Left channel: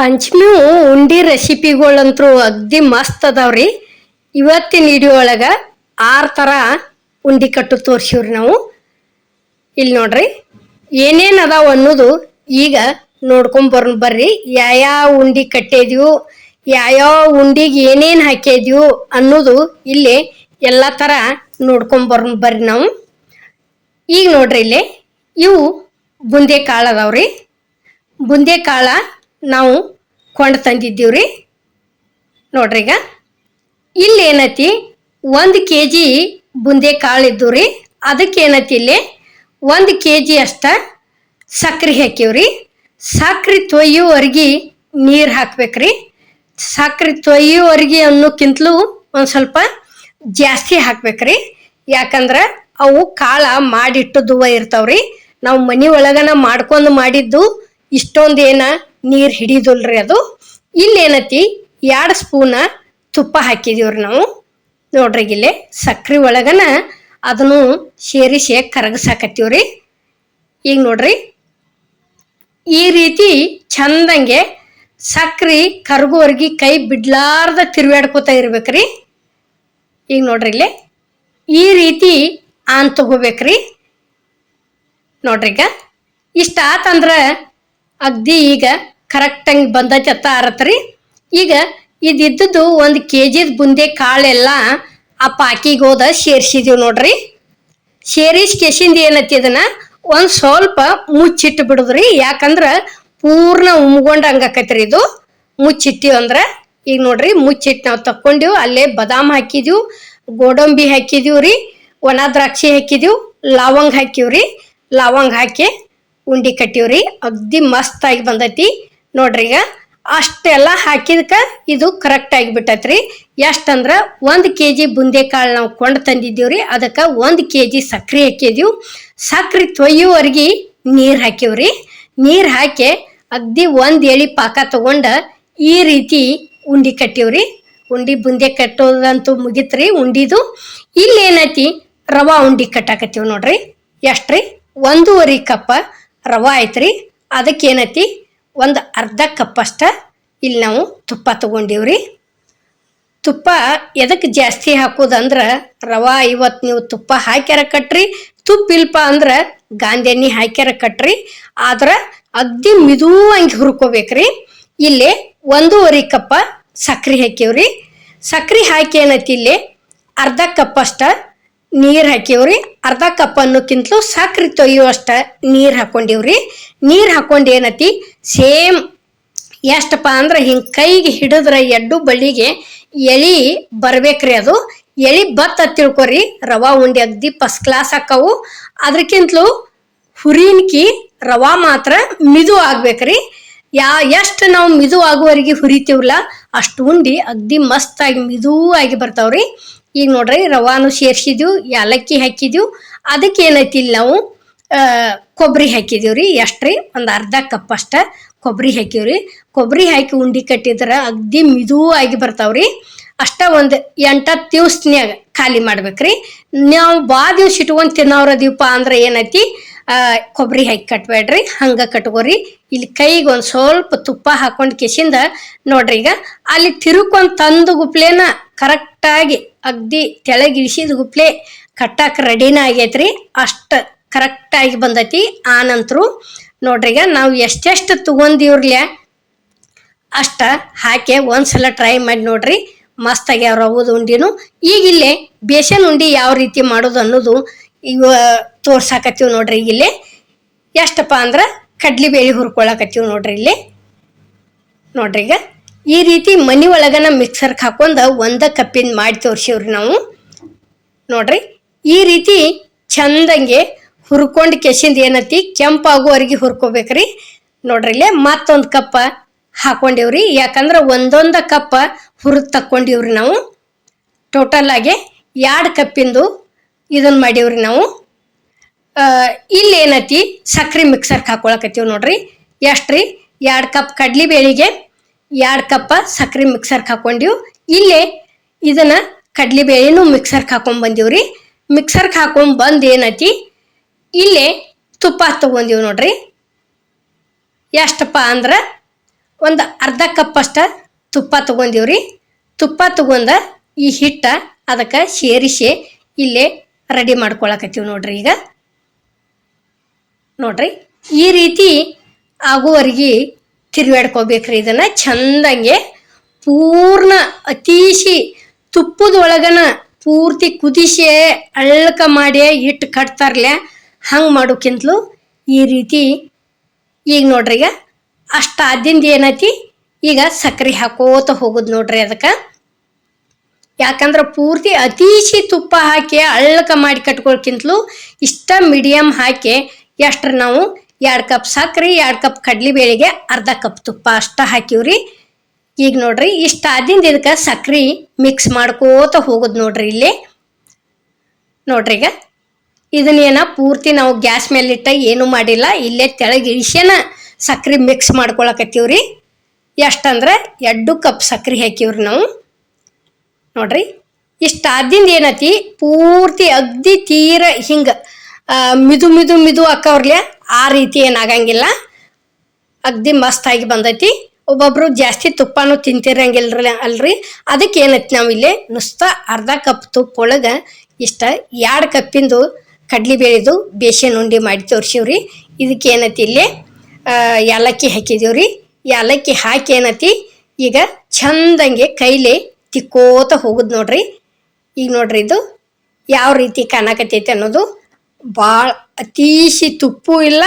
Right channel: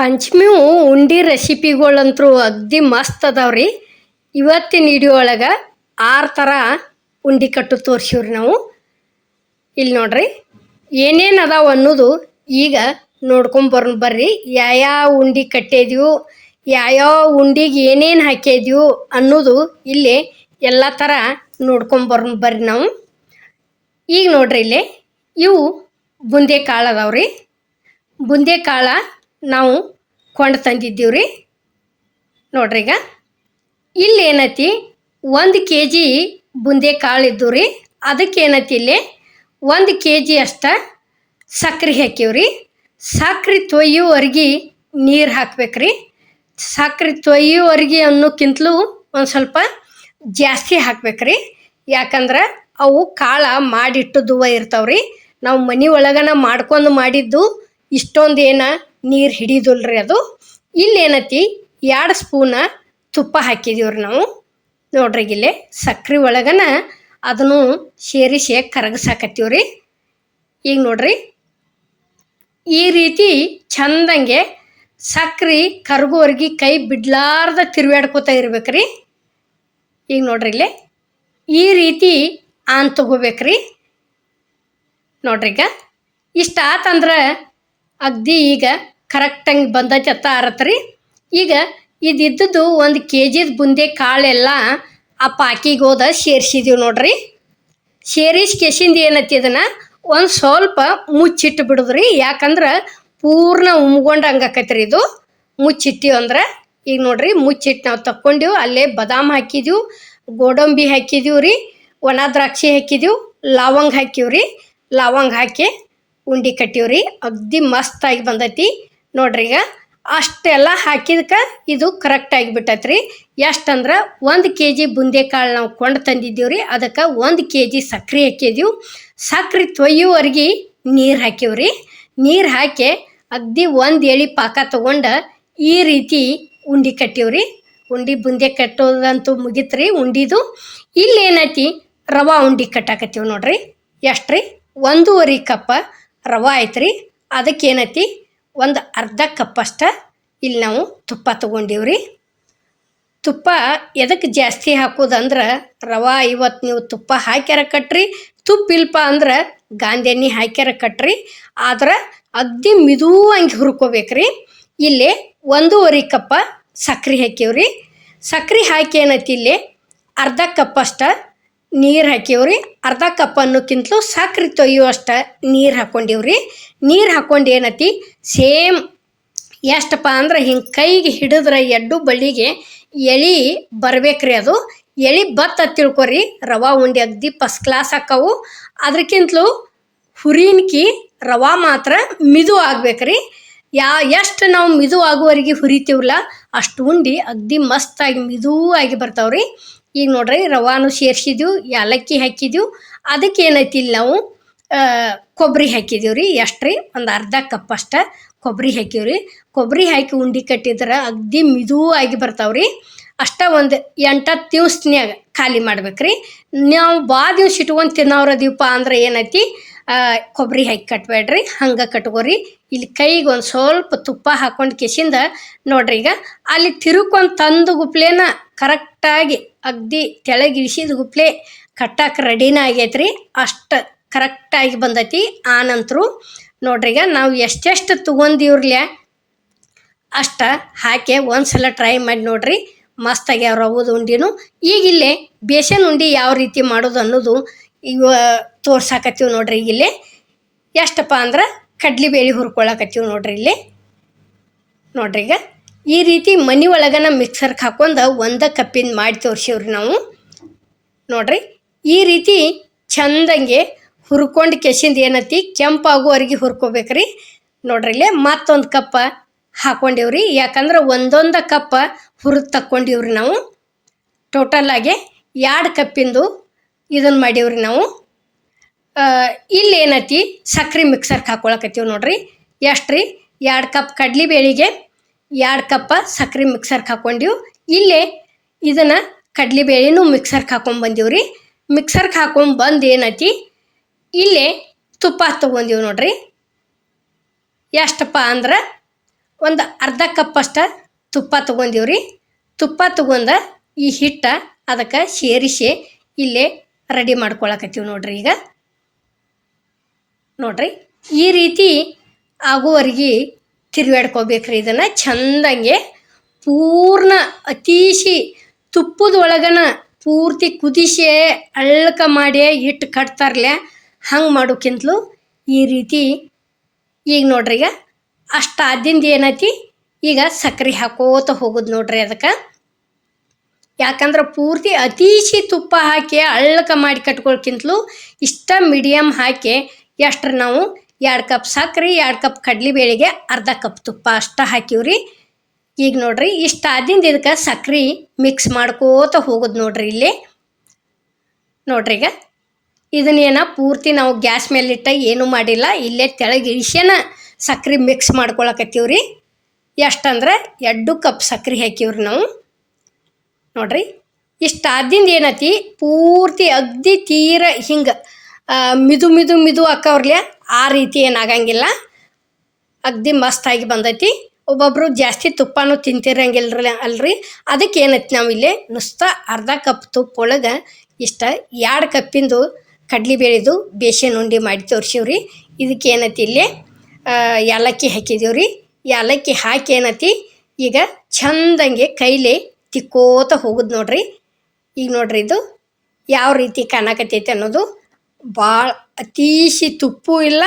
ಪಂಚಮಿ ಉಂಡಿ ರೆಸಿಪಿಗಳಂತೂ ಅಗ್ದಿ ಮಸ್ತ್ ಅದಾವ್ರಿ. ಇವತ್ತಿನ ವಿಡಿಯೋ ಒಳಗೆ 6 ಥರ ಉಂಡಿ ಕಟ್ಟು ತೋರಿಸಿವ್ರಿ ನಾವು. ಇಲ್ಲಿ ನೋಡ್ರಿ ಏನೇನು ಅದಾವ ಅನ್ನೋದು ಈಗ ನೋಡ್ಕೊಂಬರೋಣ ಬರ್ರಿ. ಯಾವ್ಯಾವ ಉಂಡಿ ಕಟ್ಟಿದ್ವು, ಯಾವ್ಯಾವ ಉಂಡಿಗೆ ಏನೇನು ಹಾಕಿದ್ವು ಅನ್ನೋದು ಇಲ್ಲಿ ಎಲ್ಲ ಥರ ನೋಡ್ಕೊಂಬರೋಣ ಬರ್ರಿ ನಾವು. ಈಗ ನೋಡ್ರಿ ಇಲ್ಲಿ ಇವು ಬುಂದೆ ಕಾಳು ಅದಾವ್ರಿ. ಬುಂದೆ ಕಾಳ ನಾವು ಕೊಂಡು ತಂದಿದ್ದೀವ್ರಿ. ನೋಡ್ರಿ ಈಗ ಇಲ್ಲಿ ಏನೈತಿ 1 kg ಬುಂದೆ ಕಾಳು ಇದ್ದು ರೀ. ಅದಕ್ಕೆ ಏನೈತಿ ಇಲ್ಲಿ 1 kg ಅಷ್ಟ ಸಕ್ರೆ ಹಾಕಿವ್ರಿ. ಸಕ್ರೆ ತೊಯ್ಯುವರೆಗೆ ನೀರು ಹಾಕ್ಬೇಕ್ರಿ. ಸಕ್ರೆ ತೊಯ್ಯುವರೆಗೆ ಅನ್ನೋಕ್ಕಿಂತಲೂ ಒಂದು ಸ್ವಲ್ಪ ಜಾಸ್ತಿ ಹಾಕ್ಬೇಕ್ರಿ. ಯಾಕಂದ್ರೆ ಅವು ಕಾಳ ಮಾಡಿಟ್ಟುದುವ ಇರ್ತಾವ್ರಿ. ನಾವು ಮನೆ ಒಳಗನ ಮಾಡ್ಕೊಂಡು ಮಾಡಿದ್ದು ಇಷ್ಟೊಂದು ಏನ ನೀರು ಹಿಡಿದಲ್ರಿ ಅದು. ಇಲ್ಲಿ ಏನೈತಿ 2 ಸ್ಪೂನ ತುಪ್ಪ ಹಾಕಿದೀವ್ರಿ ನಾವು. ನೋಡ್ರಿ ಇಲ್ಲಿ ಸಕ್ರೆ ಒಳಗನ ಅದನ್ನು ಸೇರಿಸಿ ಕರಗಸಾಕತ್ತೀವ್ರಿ. ಈಗ ನೋಡ್ರಿ ಈ ರೀತಿ ಚಂದಂಗೆ ಸಕ್ರೆ ಕರಗುವರೆಗೆ ಕೈ ಬಿಡ್ಲಾರ್ದ ತಿರುವಾಡ್ಕೋತಾ ಇರ್ಬೇಕ್ರಿ. ಈಗ ನೋಡ್ರಿ ಇಲ್ಲಿ ಈ ರೀತಿ ಆನ್ ತಗೋಬೇಕ್ರಿ. ನೋಡ್ರಿ ಈಗ ಇಷ್ಟ ಆತಂದ್ರೆ ಅಗ್ದಿ ಈಗ ಕರೆಕ್ಟಂಗೆ ಬಂದೈತೆ ಅತ್ತ ಆರತ್ರಿ. ಈಗ ಇದಿದ್ದದ್ದು 1 kg ಬುಂದೆ ಕಾಳೆಲ್ಲ ಆ ಪಾಕಿಗೆ ಹೋದ ಸೇರಿಸಿದೀವಿ ನೋಡ್ರಿ. ಸೇರಿಸಿ ಕೆಸಿಂದ ಏನೈತಿ ಇದನ್ನ ಒಂದು ಸ್ವಲ್ಪ ಮುಚ್ಚಿಟ್ಟು ಬಿಡುದ್ರಿ. ಯಾಕಂದ್ರೆ ಪೂರ್ಣ ಉಮ್ಗೊಂಡು ಹಂಗಾಕೈತ್ರಿ ಇದು. ಮುಚ್ಚಿಟ್ಟಿವಿ ಅಂದ್ರೆ ಈಗ ನೋಡ್ರಿ ಮುಚ್ಚಿಟ್ಟು ನಾವು ತಕ್ಕೊಂಡಿವು. ಅಲ್ಲೇ ಬಾದಾಮ್ ಹಾಕಿದೀವಿ, ಗೋಡಂಬಿ ಹಾಕಿದೀವಿ ರೀ, ಒಣ ದ್ರಾಕ್ಷಿ ಹಾಕಿದೀವಿ, ಲವಂಗ ಹಾಕಿವ್ರಿ. ಲವಂಗ ಹಾಕಿ ಉಂಡಿ ಕಟ್ಟಿವ್ರಿ. ಅಗ್ದಿ ಮಸ್ತಾಗಿ ಬಂದೈತಿ ನೋಡ್ರಿ. ಈಗ ಅಷ್ಟೆಲ್ಲ ಹಾಕಿದಕ್ಕೆ ಇದು ಕರೆಕ್ಟ್ ಆಗಿಬಿಟ್ಟೈತ್ರಿ. ಎಷ್ಟಂದ್ರೆ 1 kg ಬುಂದೆ ಕಾಳು ನಾವು ಕೊಂಡು ತಂದಿದ್ದೀವ್ರಿ. ಅದಕ್ಕೆ 1 kg ಸಕ್ರೆ ಹಾಕಿದೀವಿ. ಸಕ್ರೆ ತೊಯ್ಯುವರೆಗೆ ನೀರು ಹಾಕಿವ್ರಿ. ನೀರು ಹಾಕಿ ಅಗ್ದಿ 1 ಎಳೆ ಪಾಕ ತಗೊಂಡು ಈ ರೀತಿ ಉಂಡಿ ಕಟ್ಟಿವ್ರಿ. ಉಂಡಿ ಬುಂದೆ ಕಟ್ಟೋದಂತೂ ಮುಗಿತ್ರಿ ಉಂಡಿದು. ಇಲ್ಲಿ ಏನೈತಿ ರವಾ ಉಂಡಿ ಕಟ್ಟಾಕತ್ತೀವಿ ನೋಡ್ರಿ. ಎಷ್ಟ್ರಿ 1.5 ಕಪ್ ರವಾ ಐತ್ರಿ. ಅದಕ್ಕೆ ಏನೈತಿ ಒಂದು ಅರ್ಧ ಕಪ್ ಅಷ್ಟ ಇಲ್ಲಿ ನಾವು ತುಪ್ಪ ತಗೊಂಡಿವ್ರಿ. ತುಪ್ಪ ಎದಕ್ಕೆ ಜಾಸ್ತಿ ಹಾಕೋದಂದ್ರೆ ರವಾ ಇವತ್ತು ನೀವು ತುಪ್ಪ ಹಾಕ್ಯಾರ ಕಟ್ರಿ, ತುಪ್ಪ ಇಲ್ಪ ಅಂದ್ರೆ ಗಾಂಧಿ ಎಣ್ಣೆ ಹಾಕ್ಯಾರ ಕಟ್ರಿ. ಆದ್ರೆ ಅಗ್ದಿ ಮಿದುವಂಗೆ ಹುರ್ಕೋಬೇಕ್ರಿ. ಇಲ್ಲಿ 1.5 ಕಪ್ ಸಕ್ರೆ ಹಾಕಿವ್ರಿ. ಸಕ್ರೆ ಹಾಕಿ ಏನೈತಿ ಇಲ್ಲಿ ಅರ್ಧ ಕಪ್ ಅಷ್ಟ ನೀರು ಹಾಕಿವ್ರಿ. ಅರ್ಧ ಕಪ್ ಅನ್ನೋಕ್ಕಿಂತಲೂ ಸಕ್ರೆ ತೊಯ್ಯುವಷ್ಟ ನೀರು ಹಾಕೊಂಡಿವ್ರಿ. ನೀರು ಹಾಕೊಂಡು ಏನೈತಿ ಸೇಮ್ ಎಷ್ಟಪ್ಪ ಅಂದ್ರೆ ಹಿಂಗೆ ಕೈಗೆ ಹಿಡಿದ್ರೆ ಎಡ್ಡು ಬಳ್ಳಿಗೆ ಎಳೆ ಬರ್ಬೇಕ್ರಿ. ಅದು ಎಳೆ ಬತ್ತ ತಿಳ್ಕೊರಿ. ರವಾ ಉಂಡೆ ಅಗ್ದಿ ಫಸ್ಟ್ ಕ್ಲಾಸ್ ಹಾಕವು. ಅದಕ್ಕಿಂತಲೂ ಹುರಿನ್ಕಿ ರವಾ ಮಾತ್ರ ಮಿದು ಆಗ್ಬೇಕ್ರಿ. ಎಷ್ಟು ನಾವು ಮಿದು ಆಗುವವರೆಗೆ ಹುರಿತೀವಲ್ಲ ಅಷ್ಟು ಉಂಡಿ ಅಗ್ದಿ ಮಸ್ತಾಗಿ ಮಿದೂ ಆಗಿ ಬರ್ತಾವ್ರಿ. ಈಗ ನೋಡ್ರಿ ರವಾನು ಸೇರಿಸಿದ್ವು, ಏಲಕ್ಕಿ ಹಾಕಿದ್ವು. ಅದಕ್ಕೆ ಏನೈತಿ ಇಲ್ಲಿ ನಾವು ಕೊಬ್ಬರಿ ಹಾಕಿದೀವ್ರಿ. ಎಷ್ಟ್ರಿ ಒಂದು ಅರ್ಧ ಕಪ್ ಅಷ್ಟ ಕೊಬ್ಬರಿ ಹಾಕಿವ್ರಿ. ಕೊಬ್ಬರಿ ಹಾಕಿ ಉಂಡಿ ಕಟ್ಟಿದ್ರೆ ಅಗ್ದಿ ಮಿದೂ ಆಗಿ ಬರ್ತಾವ್ರಿ. ಅಷ್ಟ ಒಂದು 8-10 ದಿವ್ಸನ್ಯಾಗ ಖಾಲಿ ಮಾಡ್ಬೇಕ್ರಿ. ನಾವು ಭಾಳ ದಿವ್ಸ ಇಟ್ಕೊಂಡು ತಿನ್ನೋರದೀವಪ್ಪ ಅಂದ್ರೆ ಏನೈತಿ ಕೊಬ್ಬರಿ ಹಾಕಿ ಕಟ್ಬೇಡ್ರಿ, ಹಂಗೆ ಕಟ್ಕೋರಿ. ಇಲ್ಲಿ ಕೈಗೆ ಒಂದು ಸ್ವಲ್ಪ ತುಪ್ಪ ಹಾಕೊಂಡು ಕೆಸಿಂದ ನೋಡ್ರಿ ಈಗ ಅಲ್ಲಿ ತಿರುಕೊಂಡು ತಂದು ಗುಪ್ಲೇನ ಕರೆಕ್ಟಾಗಿ ಅಗ್ದಿ ತೆಳಗಿಳಿಸಿದ ಗುಪ್ಲೆ ಕಟ್ಟಾಕ ರೆಡಿನ ಆಗೈತ್ರಿ. ಅಷ್ಟು ಕರೆಕ್ಟಾಗಿ ಬಂದೈತಿ. ಆ ನಂತರ ನೋಡ್ರಿ ಈಗ ನಾವು ಎಷ್ಟೆಷ್ಟು ತಗೊಂಡಿವ್ರಲ್ಯ ಅಷ್ಟ ಹಾಕಿ ಒಂದ್ಸಲ ಟ್ರೈ ಮಾಡಿ ನೋಡ್ರಿ. ಮಸ್ತಾಗಿ ಅವ್ರು ರವದ ಉಂಡಿನು. ಈಗ ಇಲ್ಲೇ ಬೇಸನ್ ಉಂಡಿ ಯಾವ ರೀತಿ ಮಾಡೋದು ಅನ್ನೋದು ಈಗ ತೋರ್ಸಾಕತ್ತೀವಿ ನೋಡ್ರಿ. ಈಗ ಇಲ್ಲೇ ಎಷ್ಟಪ್ಪ ಅಂದ್ರೆ ಕಡ್ಲಿಬೇಳೆ ಹುರ್ಕೊಳಕತ್ತೀವಿ ನೋಡ್ರಿ. ಇಲ್ಲಿ ನೋಡ್ರಿ ಈಗ ಈ ರೀತಿ ಮನೆ ಒಳಗನ ಮಿಕ್ಸರ್ಗೆ ಹಾಕೊಂಡು 1 ಕಪ್ಪಿಂದ ಮಾಡಿ ತೋರಿಸಿವ್ರಿ ನಾವು. ನೋಡ್ರಿ ಈ ರೀತಿ ಚಂದಂಗೆ ಹುರ್ಕೊಂಡು ಕೆಸಿಂದ ಏನೈತಿ ಕೆಂಪಾಗುವವರೆಗೆ ಹುರ್ಕೋಬೇಕ್ರಿ. ನೋಡ್ರಿ ಇಲ್ಲೇ ಮತ್ತೊಂದು ಕಪ್ ಹಾಕೊಂಡಿವ್ರಿ. ಯಾಕಂದ್ರೆ 1 ಕಪ್ ಹುರಿದು ತಕ್ಕೊಂಡಿವ್ರಿ ನಾವು. ಟೋಟಲ್ ಆಗಿ 2 ಕಪ್ಪಿಂದು ಇದನ್ನ ಮಾಡೀವ್ರಿ ನಾವು. ಇಲ್ಲಿ ಏನೈತಿ ಸಕ್ರೆ ಮಿಕ್ಸರ್ಗೆ ಹಾಕೊಳಕತ್ತೀವಿ ನೋಡ್ರಿ. ಎಷ್ಟ್ರಿ 2 ಕಪ್ ಕಡ್ಲಿಬೇಳೆಗೆ 2 ಕಪ್ ಸಕ್ರೆ ಮಿಕ್ಸರ್ಗೆ ಹಾಕೊಂಡಿವ್. ಇಲ್ಲೇ ಇದನ್ನ ಕಡ್ಲಿಬೇಳೆನೂ ಮಿಕ್ಸರ್ಗೆ ಹಾಕೊಂಡ್ ಬಂದೀವ್ರಿ. ಮಿಕ್ಸರ್ಗೆ ಹಾಕೊಂಡ್ ಬಂದು ಏನೈತಿ ಇಲ್ಲೇ ತುಪ್ಪ ತಗೊಂಡಿವ್ ನೋಡ್ರಿ. ಎಷ್ಟಪ್ಪ ಅಂದ್ರೆ ಒಂದು ಅರ್ಧ ಕಪ್ ಅಷ್ಟ ತುಪ್ಪ ತೊಗೊಂಡಿವ್ರಿ. ತುಪ್ಪ ತೊಗೊಂಡ ಈ ಹಿಟ್ಟ ಅದಕ್ಕೆ ಸೇರಿಸಿ ಇಲ್ಲೇ ರೆಡಿ ಮಾಡ್ಕೊಳಕತ್ತೀವಿ ನೋಡ್ರಿ. ಈಗ ನೋಡ್ರಿ ಈ ರೀತಿ ಆಗುವರೆಗೆ ತಿರುವಾಡ್ಕೋಬೇಕ್ರಿ. ಇದನ್ನು ಚಂದಂಗೆ ಪೂರ್ಣ ಅತೀಶಿ ತುಪ್ಪದೊಳಗನ ಪೂರ್ತಿ ಕುದಿಸಿ ಅಳ್ಳಕ ಮಾಡಿ ಇಟ್ಟು ಕಟ್ತಾರಲ್ಲ ಹಂಗೆ ಮಾಡೋಕ್ಕಿಂತಲೂ ಈ ರೀತಿ ಈಗ ನೋಡ್ರಿ ಈಗ ಅಷ್ಟು ಆದಿಂದ ಏನೈತಿ ಈಗ ಸಕ್ಕರೆ ಹಾಕೋತ ಹೋಗೋದು ನೋಡ್ರಿ. ಅದಕ್ಕೆ ಯಾಕಂದ್ರೆ ಪೂರ್ತಿ ಅತೀಶಿ ತುಪ್ಪ ಹಾಕಿ ಅಳ್ಳಕ ಮಾಡಿ ಕಟ್ಕೊಳ್ಕಿಂತಲೂ ಇಷ್ಟ ಮೀಡಿಯಮ್ ಹಾಕಿ ಎಷ್ಟ್ರ ನಾವು 2 ಕಪ್ ಸಕ್ಕರೆ 2 ಕಪ್ ಕಡ್ಲಿಬೇಳೆಗೆ ಅರ್ಧ ಕಪ್ ತುಪ್ಪ ಅಷ್ಟ ಹಾಕಿವ್ರಿ. ಈಗ ನೋಡ್ರಿ ಇಷ್ಟ ಆದಿಂದ ಇದಕ್ಕೆ ಸಕ್ರೆ ಮಿಕ್ಸ್ ಮಾಡ್ಕೋತ ಹೋಗೋದು ನೋಡ್ರಿ. ಇಲ್ಲಿ ನೋಡ್ರಿ ಈಗ ಇದನ್ನೇನ ಪೂರ್ತಿ ನಾವು ಗ್ಯಾಸ್ ಮೇಲಿಟ್ಟ ಏನೂ ಮಾಡಿಲ್ಲ, ಇಲ್ಲೇ ತೆಳಗೆ ಇಳಿಸ್ಯಾನ ಸಕ್ರೆ ಮಿಕ್ಸ್ ಮಾಡ್ಕೊಳಕತ್ತೀವ್ರಿ. ಎಷ್ಟಂದ್ರೆ 2 ಕಪ್ ಸಕ್ರೆ ಹಾಕಿವ್ರಿ ನಾವು. ನೋಡ್ರಿ ಇಷ್ಟ ಆದಿಂದ ಏನೈತಿ ಪೂರ್ತಿ ಅಗ್ದಿ ತೀರ ಹಿಂಗೆ ಮಿದು ಮಿದು ಮಿದು ಅಕ್ಕವ್ರಲೆ ಆ ರೀತಿ ಏನಾಗಂಗಿಲ್ಲ, ಅಗ್ದಿ ಮಸ್ತಾಗಿ ಬಂದೈತಿ. ಒಬ್ಬೊಬ್ರು ಜಾಸ್ತಿ ತುಪ್ಪನೂ ತಿಂತಿರಂಗಿಲ್ರಿ ಅಲ್ರಿ, ಅದಕ್ಕೆ ಏನೈತಿ ನಾವು ಇಲ್ಲಿ ನುಸ್ತ ಅರ್ಧ ಕಪ್ ತುಪ್ಪ ಒಳಗೆ ಇಷ್ಟ 2 ಕಪ್ಪಿಂದು ಕಡ್ಲಿಬೇಳೆದು ಬೇಸನ್ ಉಂಡೆ ಮಾಡಿ ತೋರಿಸಿವ್ರಿ. ಇದಕ್ಕೆ ಏನೈತಿ ಇಲ್ಲಿ ಏಲಕ್ಕಿ ಹಾಕಿದೀವ್ರಿ. ಏಲಕ್ಕಿ ಹಾಕಿ ಏನೈತಿ ಈಗ ಚಂದಂಗೆ ಕೈಲಿ ತಿಕ್ಕೋತ ಹೋಗುದು ನೋಡ್ರಿ. ಈಗ ನೋಡ್ರಿ ಇದು ಯಾವ ರೀತಿ ಕಾಣಕತ್ತೈತಿ ಅನ್ನೋದು. ಭಾಳ ಅತೀಶಿ ತುಪ್ಪು ಇಲ್ಲ,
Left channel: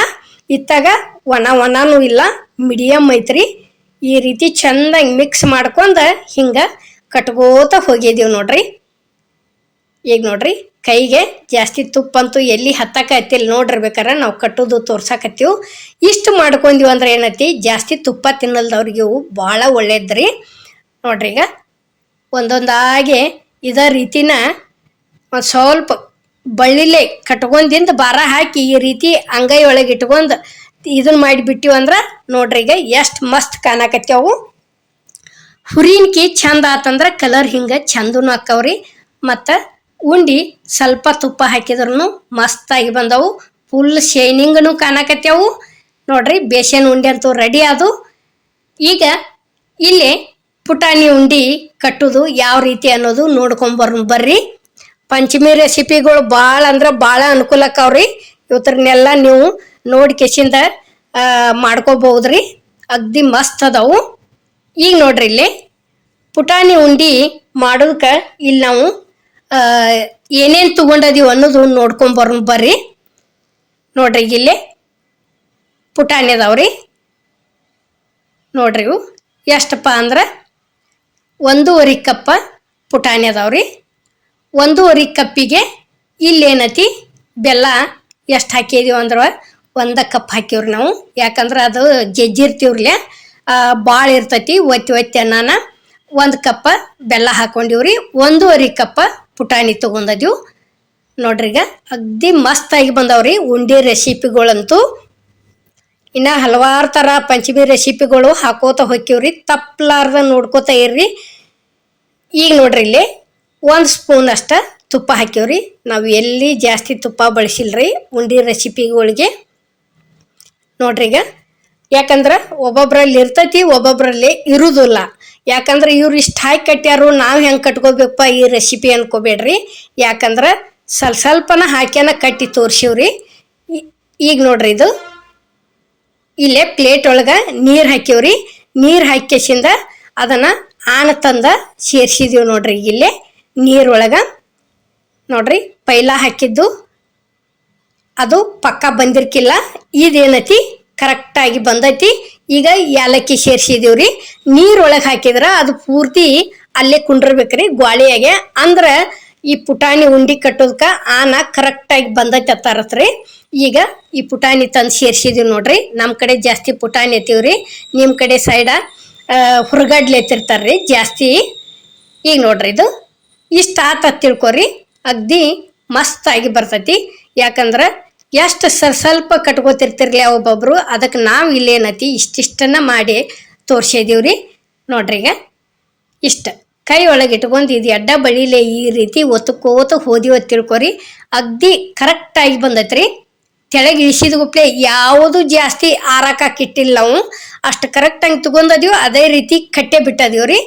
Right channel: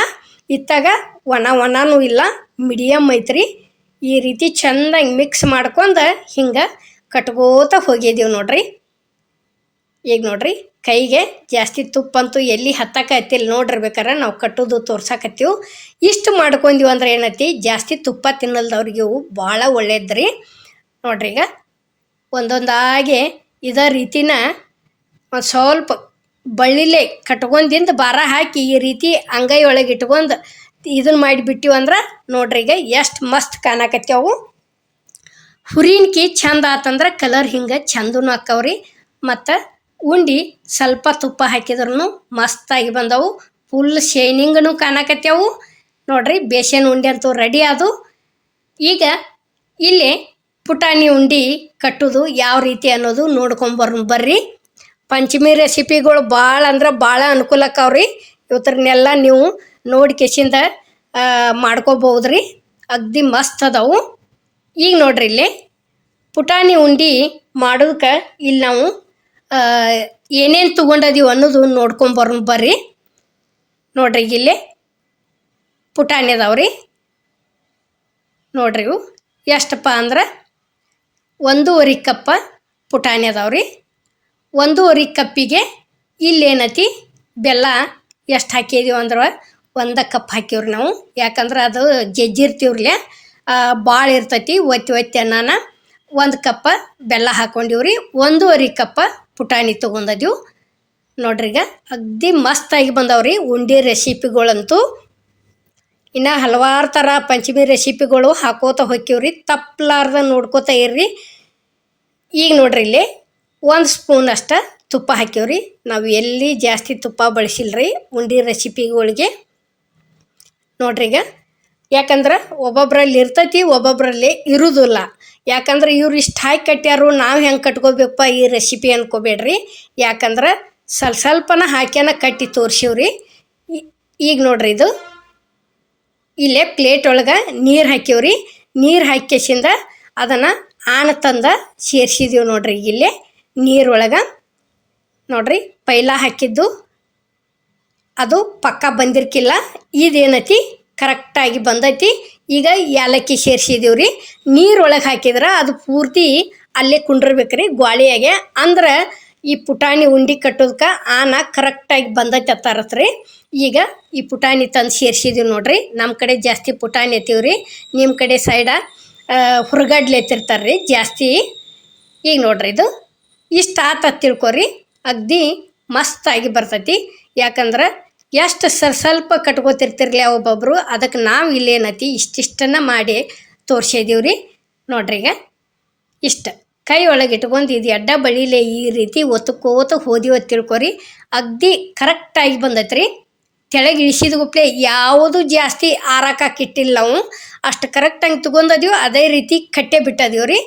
ಇತ್ತಾಗ ಒಣನೂ ಇಲ್ಲ, ಮೀಡಿಯಮ್ ಐತ್ರಿ. ಈ ರೀತಿ ಚಂದಾಗಿ ಮಿಕ್ಸ್ ಮಾಡ್ಕೊಂಡು ಹಿಂಗೆ ಕಟ್ಕೋತ ಹೋಗಿದ್ದೀವಿ ನೋಡ್ರಿ. ಈಗ ನೋಡ್ರಿ ಕೈಗೆ ಜಾಸ್ತಿ ತುಪ್ಪ ಅಂತೂ ಎಲ್ಲಿ ಹತ್ತಕತ್ತಿಲ್ಲ ನೋಡಿರ್ಬೇಕಾರೆ ನಾವು ಕಟ್ಟೋದು ತೋರ್ಸಕತ್ತೀವಿ. ಇಷ್ಟು ಮಾಡ್ಕೊಂತೀವಿ ಅಂದ್ರೆ ಏನೈತಿ ಜಾಸ್ತಿ ತುಪ್ಪ ತಿನ್ನಲ್ದವ್ರಿಗೆ ಭಾಳ ಒಳ್ಳೇದ್ರಿ. ನೋಡ್ರಿ ಈಗ ಒಂದೊಂದಾಗಿ ಇದೇ ರೀತಿನ ಒಂದು ಸ್ವಲ್ಪ ಬಳ್ಳಿಲೆ ಕಟ್ಕೊಂಡಿಂದ ಭಾರ ಹಾಕಿ ಈ ರೀತಿ ಅಂಗೈ ಒಳಗೆ ಇಟ್ಕೊಂಡು ಇದನ್ನ ಮಾಡಿಬಿಟ್ಟಿವಿ ಅಂದ್ರೆ ನೋಡ್ರಿ ಈಗ ಎಷ್ಟು ಮಸ್ತ್ ಕಾಣಕತ್ತೇವು. ಹುರಿನ್ಕಿ ಚಂದ ಆತಂದ್ರೆ ಕಲರ್ ಹಿಂಗೆ ಚಂದನು ಆಕ್ಕವ್ರಿ. ಮತ್ತು ಉಂಡಿ ಸ್ವಲ್ಪ ತುಪ್ಪ ಹಾಕಿದ್ರೂ ಮಸ್ತಾಗಿ ಬಂದವು, ಫುಲ್ ಶೈನಿಂಗನು ಕಾಣಕತ್ತೇವು ನೋಡ್ರಿ. ಬೇಸನ್ ಉಂಡೆ ಅಂತೂ ರೆಡಿ ಆದು. ಈಗ ಇಲ್ಲಿ ಪುಟಾಣಿ ಉಂಡಿ ಕಟ್ಟೋದು ಯಾವ ರೀತಿ ಅನ್ನೋದು ನೋಡ್ಕೊಂಬರ್ರಿ. ಪಂಚಮಿ ರೆಸಿಪಿಗಳು ಭಾಳ ಅಂದ್ರೆ ಭಾಳ ಅನುಕೂಲ ಆಕ್ಕವ್ರಿ. ಇವತ್ತರನ್ನೆಲ್ಲ ನೀವು ನೋಡಿ ಕೆಸಿಂದ ಮಾಡ್ಕೋಬಹುದ್ರಿ, ಅಗ್ದಿ ಮಸ್ತ್ ಅದಾವು. ಈಗ ನೋಡ್ರಿ ಇಲ್ಲಿ ಪುಟಾಣಿ ಉಂಡಿ ಮಾಡೋದಕ್ಕೆ ಇಲ್ಲಿ ನಾವು ಏನೇನು ತೊಗೊಂಡದೀವಿ ಅನ್ನೋದು ನೋಡ್ಕೊಂಬರ್ರಿ. ನೋಡ್ರಿ ಇಲ್ಲಿ ಪುಟಾಣಿ ಅದಾವ್ರಿ. ನೋಡ್ರಿ ಇವು ಎಷ್ಟಪ್ಪ ಅಂದ್ರೆ 1.5 ಕಪ್ಪ ಪುಟಾಣಿ ಅದಾವ್ರಿ. 1.5 ಕಪ್ಪಿಗೆ ಇಲ್ಲೇನತಿ ಬೆಲ್ಲ ಎಷ್ಟು ಹಾಕಿದೀವಿ ಅಂದ್ರೆ 1 ಕಪ್ ಹಾಕಿವ್ರಿ ನಾವು. ಯಾಕಂದ್ರೆ ಅದು ಜಜ್ಜಿರ್ತೀವ್ರಲ್ಲ ಭಾಳ ಇರ್ತೈತಿ, ಒತ್ತಿ ಅನ್ನಾನ 1 ಕಪ್ಪ ಬೆಲ್ಲ ಹಾಕೊಂಡಿವ್ರಿ. 1.5 ಕಪ್ಪ ಪುಟಾಣಿ ತೊಗೊಂಡದೀವು. ನೋಡ್ರಿ ಈಗ ಅಗ್ದಿ ಮಸ್ತಾಗಿ ಬಂದವ್ರಿ ಉಂಡಿ ರೆಸಿಪಿಗಳಂತೂ. ಇನ್ನು ಹಲವಾರು ಥರ ಪಂಚಮಿ ರೆಸಿಪಿಗಳು ಹಾಕೋತ ಹೋಕ್ಕಿವ್ರಿ, ತಪ್ಪಲಾರ್ದ ನೋಡ್ಕೋತ ಇರ್ರಿ. ಈಗ ನೋಡ್ರಿ ಇಲ್ಲಿ 1 ಸ್ಪೂನ್ ಅಷ್ಟ ತುಪ್ಪ ಹಾಕಿವ್ರಿ. ನಾವು ಎಲ್ಲಿ ಜಾಸ್ತಿ ತುಪ್ಪ ಬಳಸಿಲ್ರಿ ಉಂಡಿ ರೆಸಿಪಿಗಳಿಗೆ. ನೋಡ್ರಿ ಈಗ ಯಾಕಂದ್ರೆ ಒಬ್ಬೊಬ್ರಲ್ಲಿ ಇರ್ತೈತಿ, ಒಬ್ಬೊಬ್ರಲ್ಲಿ ಇರುವುದಿಲ್ಲ. ಯಾಕಂದ್ರೆ ಇವ್ರು ಇಷ್ಟು ಹಾಕಿ ಕಟ್ಟ್ಯಾರು, ನಾವು ಹೆಂಗೆ ಕಟ್ಕೋಬೇಕಪ್ಪ ಈ ರೆಸಿಪಿ ಅನ್ಕೋಬೇಡ್ರಿ. ಯಾಕಂದ್ರೆ ಸ್ವಲ್ಪನ ಹಾಕ್ಯಾನ ಕಟ್ಟಿ ತೋರಿಸಿವ್ರಿ. ಈಗ ನೋಡ್ರಿ ಇದು ಇಲ್ಲೇ ಪ್ಲೇಟ್ ಒಳಗೆ ನೀರು ಹಾಕಿವ್ರಿ. ನೀರು ಹಾಕಿಸಿಂದ ಅದನ್ನು ತಂದ ಸೇರಿಸಿದೀವಿ ನೋಡ್ರಿ. ಇಲ್ಲೇ ನೀರೊಳಗೆ ನೋಡ್ರಿ ಪೈಲ ಹಾಕಿದ್ದು ಅದು ಪಕ್ಕ ಬಂದಿರ್ಕಿಲ್ಲ, ಇದೇನೈತಿ ಕರೆಕ್ಟಾಗಿ ಬಂದೈತಿ. ಈಗ ಏಲಕ್ಕಿ ಸೇರಿಸಿದೀವ್ರಿ. ನೀರೊಳಗೆ ಹಾಕಿದ್ರೆ ಅದು ಪೂರ್ತಿ ಅಲ್ಲೇ ಕುಂಡಿರ್ಬೇಕ್ರಿ ಗ್ವಾಳಿಯಾಗೆ, ಅಂದ್ರೆ ಈ ಪುಟಾಣಿ ಉಂಡಿ ಕಟ್ಟೋದಕ್ಕೆ ಕರೆಕ್ಟಾಗಿ ಬಂದೈತೆ ಅತ್ತಾರತ್ರಿ. ಈಗ ಈ ಪುಟಾಣಿ ತಂದು ಸೇರಿಸಿದೀವಿ ನೋಡ್ರಿ. ನಮ್ಮ ಕಡೆ ಜಾಸ್ತಿ ಪುಟಾಣಿ ಎತ್ತೀವ್ರಿ, ನಿಮ್ಮ ಕಡೆ ಸೈಡ ಹುರ್ಗಡ್ಲೆ ಎತ್ತಿರ್ತಾರ್ರಿ ಜಾಸ್ತಿ. ಈಗ ನೋಡ್ರಿ ಇದು ಇಷ್ಟು ಆತ ತಿಳ್ಕೊರಿ, ಅಗ್ದಿ ಮಸ್ತಾಗಿ ಬರ್ತೈತಿ. ಯಾಕಂದ್ರೆ ಎಷ್ಟು ಸ್ವಲ್ಪ ಕಟ್ಕೋತಿರ್ತಿರ್ಲಿ ಒಬ್ಬೊಬ್ರು, ಅದಕ್ಕೆ ನಾವು ಇಲ್ಲೇನತಿ ಇಷ್ಟಿಷ್ಟನ್ನ ಮಾಡಿ ತೋರಿಸಿದೀವ್ರಿ. ನೋಡ್ರಿ ಈಗ ಇಷ್ಟ ಕೈ ಒಳಗೆ ಇಟ್ಕೊಂಡು ಇದು ಎಡ್ಡ ಬಳಿಲೆ ಈ ರೀತಿ ಒತ್ತಕೋತ ಹೋದಿವ ತಿಳ್ಕೊರಿ, ಅಗ್ದಿ ಕರೆಕ್ಟಾಗಿ ಬಂದೈತ್ರಿ. ತೆಳಗೆ ಇಳಿಸಿದ ಗುಪ್ಲೆ ಯಾವುದು ಜಾಸ್ತಿ ಆರಾಕಿಟ್ಟಿಲ್ಲ ನಾವು ಅಷ್ಟು ಕರೆಕ್ಟಾಗಿ ತಗೊಂಡದೀವಿ ಅದೇ ರೀತಿ ಕಟ್ಟೆ ಬಿಟ್ಟದೀವ್ರಿ.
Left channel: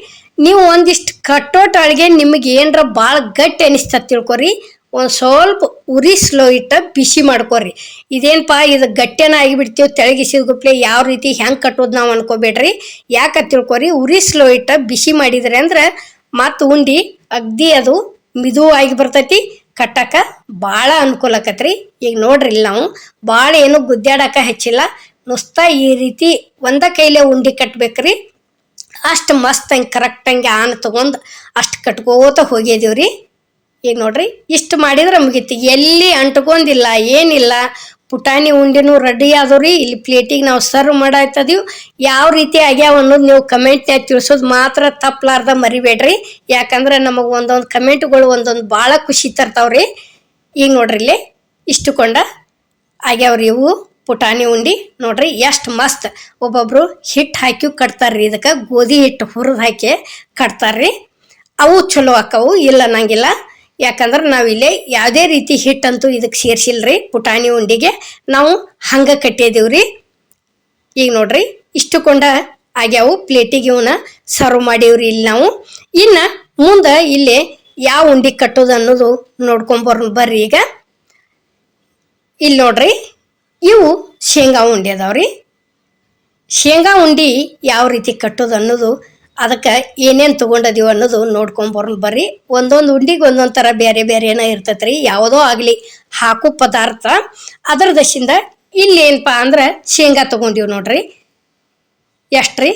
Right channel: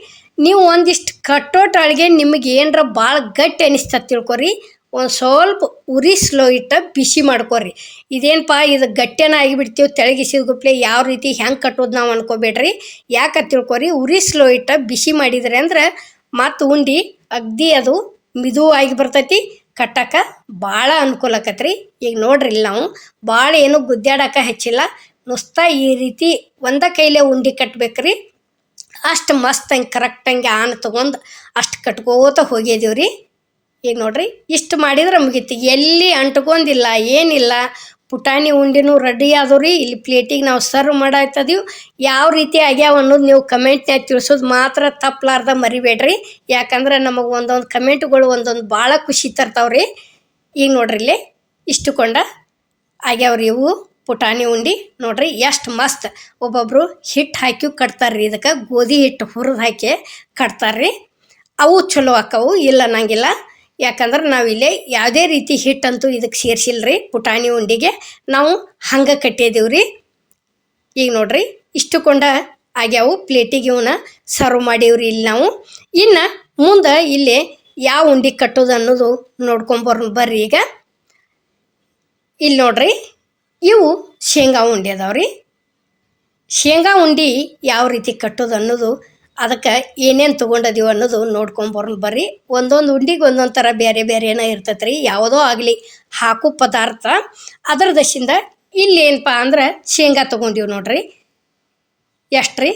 ನೀವು ಒಂದಿಷ್ಟು ಕಟ್ಟೋಟೊಳಗೆ ನಿಮಗೆ ಏನರ ಭಾಳ ಗಟ್ಟಿ ಅನಿಸ್ತ ತಿಳ್ಕೊರಿ, ಒಂದು ಸ್ವಲ್ಪ ಉರಿ ಸ್ಲೋ ಇಟ್ಟ ಬಿಸಿ ಮಾಡ್ಕೊರಿ. ಇದೇನಪ್ಪ ಇದು ಗಟ್ಟಿನ ಆಗಿಬಿಡ್ತೀವಿ ತೆಳಗಿಸಿದ ಗುಪ್ಲೆ ಯಾವ ರೀತಿ ಹೆಂಗೆ ಕಟ್ಟೋದು ನಾವು ಅನ್ಕೋಬೇಡ್ರಿ. ಯಾಕೆ ತಿಳ್ಕೊರಿ, ಉರಿ ಸ್ಲೋ ಇಟ್ಟ ಬಿಸಿ ಮಾಡಿದ್ರಿ ಅಂದ್ರೆ ಮತ್ತು ಉಂಡಿ ಅಗ್ದಿ ಅದು ಮಿದುವಾಗಿ ಬರ್ತೈತಿ, ಕಟ್ಟಕ ಭಾಳ ಅನುಕೂಲ ಆಕತ್ರಿ. ಈಗ ನೋಡ್ರಿ ಇಲ್ಲಿ ನಾವು ಭಾಳ ಏನು ಗುದ್ದಾಡಕ ಹೆಚ್ಚಿಲ್ಲ, ನುಸ್ತಾ ಈ ರೀತಿ ಒಂದ ಕೈಲೇ ಉಂಡಿ ಕಟ್ಬೇಕ್ರಿ. ಅಷ್ಟು ಮಸ್ತ್ ಹಂಗೆ ಕರೆಕ್ಟಂಗೆ ಆನ್ ತೊಗೊಂಡು ಅಷ್ಟು ಕಟ್ಕೋತ ಹೋಗಿದೀವ್ರಿ. ಈಗ ನೋಡ್ರಿ ಇಷ್ಟು ಮಾಡಿದ್ರೆ ಮುಗೀತಿ, ಎಲ್ಲಿ ಅಂಟ್ಕೊಂಡಿಲ್ಲ ಏನಿಲ್ಲ. ಪುಟಾಣಿ ಉಂಡಿನೂ ರೆಡಿ ಆದವ್ರಿ. ಇಲ್ಲಿ ಪ್ಲೇಟಿಗೆ ನಾವು ಸರ್ವ್ ಮಾಡಾಯ್ತದೀವಿ. ಯಾವ ರೀತಿ ಆಗ್ಯಾವ ಅನ್ನೋದು ನೀವು ಕಮೆಂಟ್ನಾಗ ತಿಳಿಸೋದು ಮಾತ್ರ ತಪ್ಪಲಾರ್ದ ಮರಿಬೇಡ್ರಿ. ಯಾಕಂದ್ರೆ ನಮಗೆ ಒಂದೊಂದು ಕಮೆಂಟ್ಗಳು ಒಂದೊಂದು ಭಾಳ ಖುಷಿ ತರ್ತಾವ್ರಿ. ಈಗ ನೋಡ್ರಿ ಇಲ್ಲಿ ಇಷ್ಟುಕೊಂಡ ಆಗ್ಯಾವ್ರಿ ಇವು ಪುಟಾಣಿ ಉಂಡಿ. ನೋಡ್ರಿ ಎಷ್ಟು ಮಸ್ತ್. ಒಬ್ಬೊಬ್ರು ಹಿಟ್ಟು ಹಾಕಿ ಕಟ್ತಾರ್ರಿ, ಇದಕ್ಕೆ ಗೋಧಿ ಹಿಟ್ಟು ಹುರಿದು ಹಾಕಿ ಕಟ್ತಾರ್ರಿ. ಅವು ಚಲೋ ಆಕವು, ಇಲ್ಲ ಅನ್ನಂಗಿಲ್ಲ. ಯಾಕಂದ್ರೆ ನಾವಿಲ್ಲೇ ಯಾವುದೇ ರೀತಿ ಹಿಟ್ಟಂತೂ ಇದಕ್ಕೆ ಸೇರಿಸಿಲ್ರಿ. ಪುಟಾಣಿ ಉಂಡಿಗೆ ನಾವು ಹಂಗೆ ಕಟ್ಟಿದೀವ್ರಿ. ಈಗ ನೋಡ್ರಿ ಇಷ್ಟುಕೊಂಡ ಆಗ್ಯಾವು. ಪ್ಲೇಟಿಗೆ ಇವನ್ನ ಸರ್ವ್ ಮಾಡೀವ್ರಿ ಇಲ್ಲಿ ನಾವು. ಇನ್ನು ಮುಂದೆ ಇಲ್ಲಿ ಯಾವ ಉಂಡಿ ಕಟ್ಟೋದು ಅನ್ನೋದು ಬರ್ರಿ. ಈಗ ಇಲ್ಲಿ ನೋಡ್ರಿ ಇವು ಶೇಂಗಾ ಉಂಡಿ ಅದಾವ್ರಿ. ಶೇಂಗಾ ಉಂಡಿ ಯಾವ ರೀತಿ ಕಟ್ಟೋದು ಅನ್ನೋದು, ಅದಕ್ಕೆ ಏನೇನು ತೊಗೊಂಡದೀವಿ ಅನ್ನೋದು ಬರ್ರಿ. ಒಂದೊಂದು ಉಂಡಿಗೆ ಒಂದೊಂದು ಥರ ಬೇರೆ ಬೇರೆನ ಇರ್ತೈತೆ ರೀ. ಯಾವುದೋ ಆಗಲಿ ಹಾಕು ಪದಾರ್ಥ ಅದರ ದಶಿಂದ ಇಲ್ಲಿ ಏನಪ್ಪ ಅಂದ್ರೆ ಶೇಂಗಾ ತೊಗೊಂಡಿವಿ ನೋಡ್ರಿ. ಎಷ್ಟು ರೀ,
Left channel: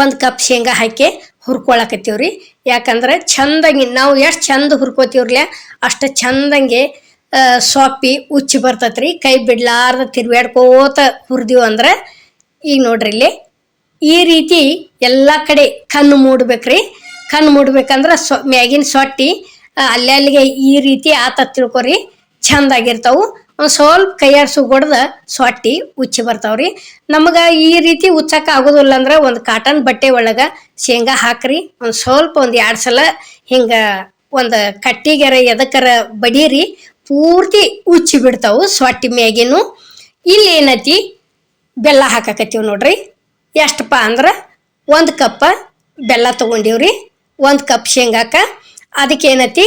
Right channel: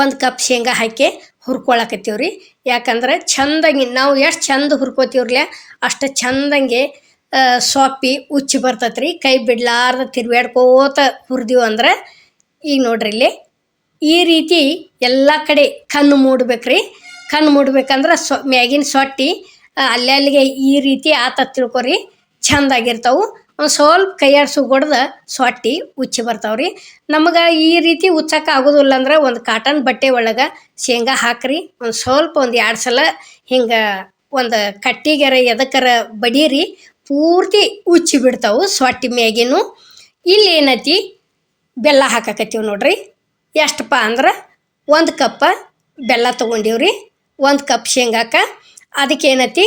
1 ಕಪ್ ಶೇಂಗಾ ಹಾಕಿ ಹುರ್ಕೊಳಕತ್ತೀವ್ರಿ. ಯಾಕಂದ್ರೆ ಚಂದಂಗೆ ನಾವು ಎಷ್ಟು ಚಂದ ಹುರ್ಕೋತೀವ್ರಲ್ಲ ಅಷ್ಟು ಚಂದಂಗೆ ಸೊಪ್ಪಿ ಉಚ್ಚಿ ಬರ್ತೈತ್ರಿ. ಕೈ ಬಿಡ್ಲಾರ್ದ ತಿರ್ವ್ಯಾಡ್ಕೋತ ಹುರಿದೀವಿ ಅಂದ್ರೆ. ಈಗ ನೋಡ್ರಿ ಇಲ್ಲಿ ಈ ರೀತಿ ಎಲ್ಲ ಕಡೆ ಕಣ್ಣು ಮೂಡ್ಬೇಕ್ರಿ. ಕಣ್ಣು ಮೂಡ್ಬೇಕಂದ್ರೆ ಮ್ಯಾಗಿನ ಸೊಟ್ಟಿ ಅಲ್ಲಿಗೆ ಈ ರೀತಿ ಆತ ತಿಳ್ಕೊರಿ, ಚಂದಾಗಿರ್ತಾವು. ಒಂದು ಸ್ವಲ್ಪ ಕೈಯಾಡ್ಸು ಹೊಡೆದ ಸೊಟ್ಟಿ ಉಚ್ಚಿ ಬರ್ತಾವ್ರಿ. ನಮಗೆ ಈ ರೀತಿ ಉಚ್ಚಕ್ಕೆ ಆಗೋದಿಲ್ಲ ಅಂದ್ರೆ ಒಂದು ಕಾಟನ್ ಬಟ್ಟೆ ಒಳಗೆ ಶೇಂಗಾ ಹಾಕ್ರಿ. ಒಂದು ಸ್ವಲ್ಪ 1-2 ಸಲ ಹಿಂಗೆ ಒಂದು ಕಟ್ಟಿಗೆರ ಎದಕ್ಕರ ಬಡೀರಿ, ಪೂರ್ತಿ ಉಚ್ಚಿ ಬಿಡ್ತಾವು ಸೊಟ್ಟಿ ಮ್ಯಾಗಿನೂ. ಇಲ್ಲಿ ಏನೈತಿ ಬೆಲ್ಲ ಹಾಕಕತ್ತೀವಿ ನೋಡ್ರಿ. ಎಷ್ಟಪ್ಪ ಅಂದ್ರೆ 1 ಕಪ್ ಬೆಲ್ಲ ತೊಗೊಂಡಿವ್ರಿ. 1 ಕಪ್ ಶೇಂಗಾಕ ಅದಕ್ಕೆ ಏನೈತಿ